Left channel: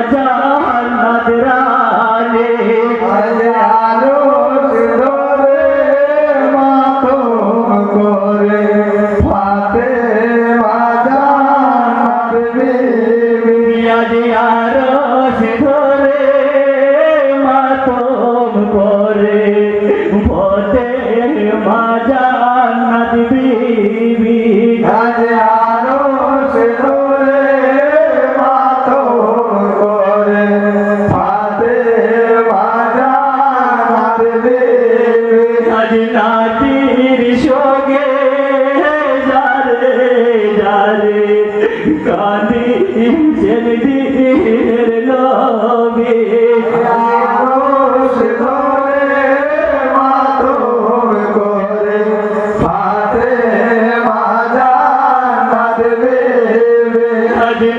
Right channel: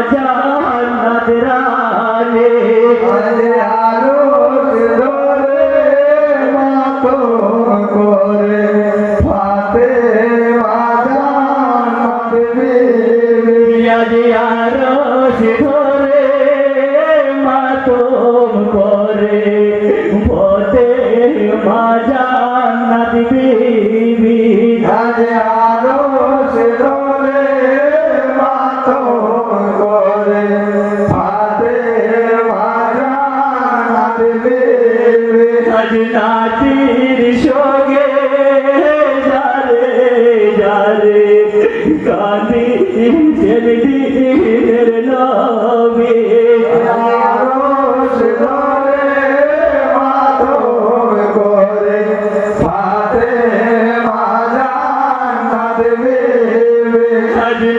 I ajaran নাচির সঙ্গে যারে যারে কানি জেলদি লবে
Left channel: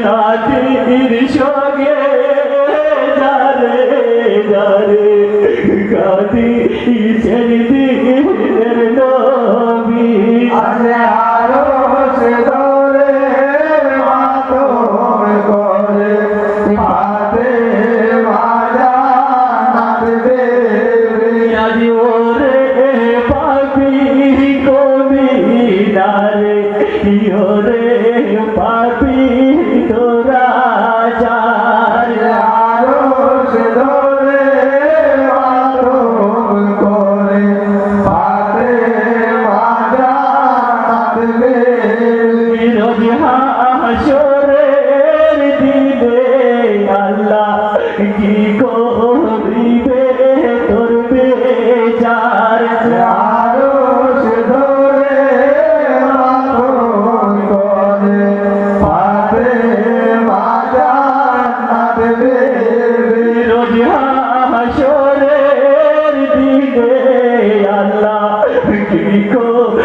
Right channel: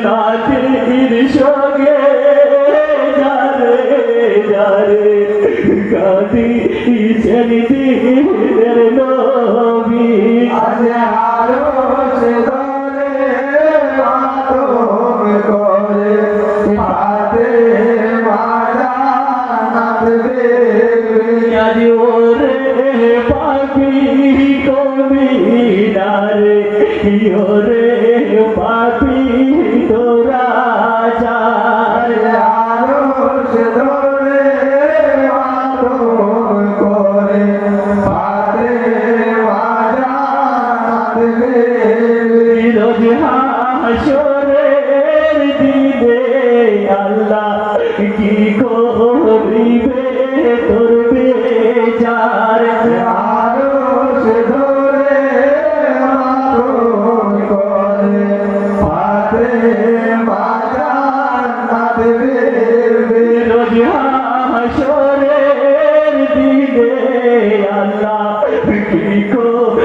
নাচির সঙ্গে যারে Senhor.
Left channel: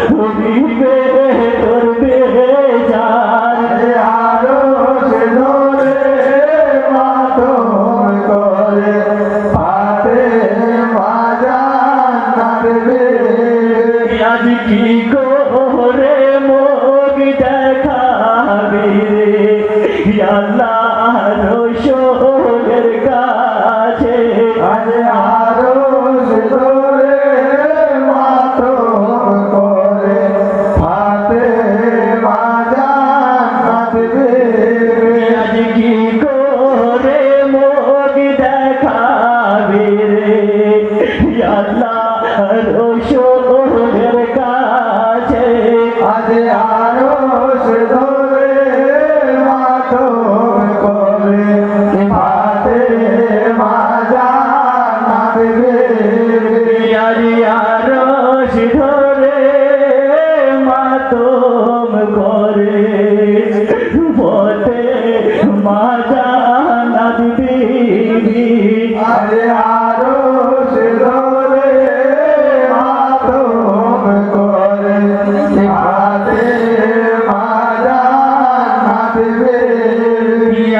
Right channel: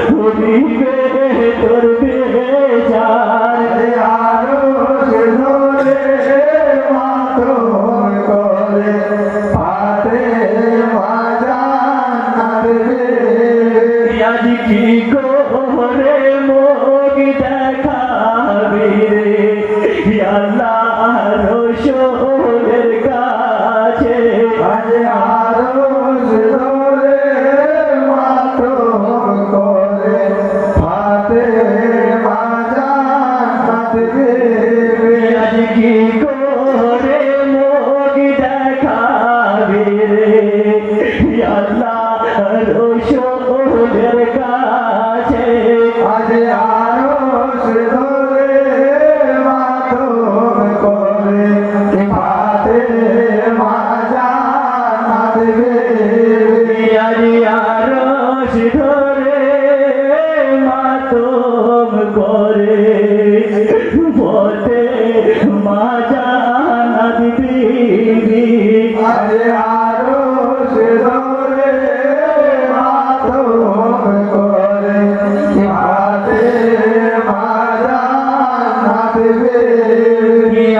খুঁজিবে রসুলের কাছে আজ আরস ধরে মাথম করে হাতে মাজা হাতে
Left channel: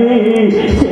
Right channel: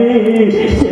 ही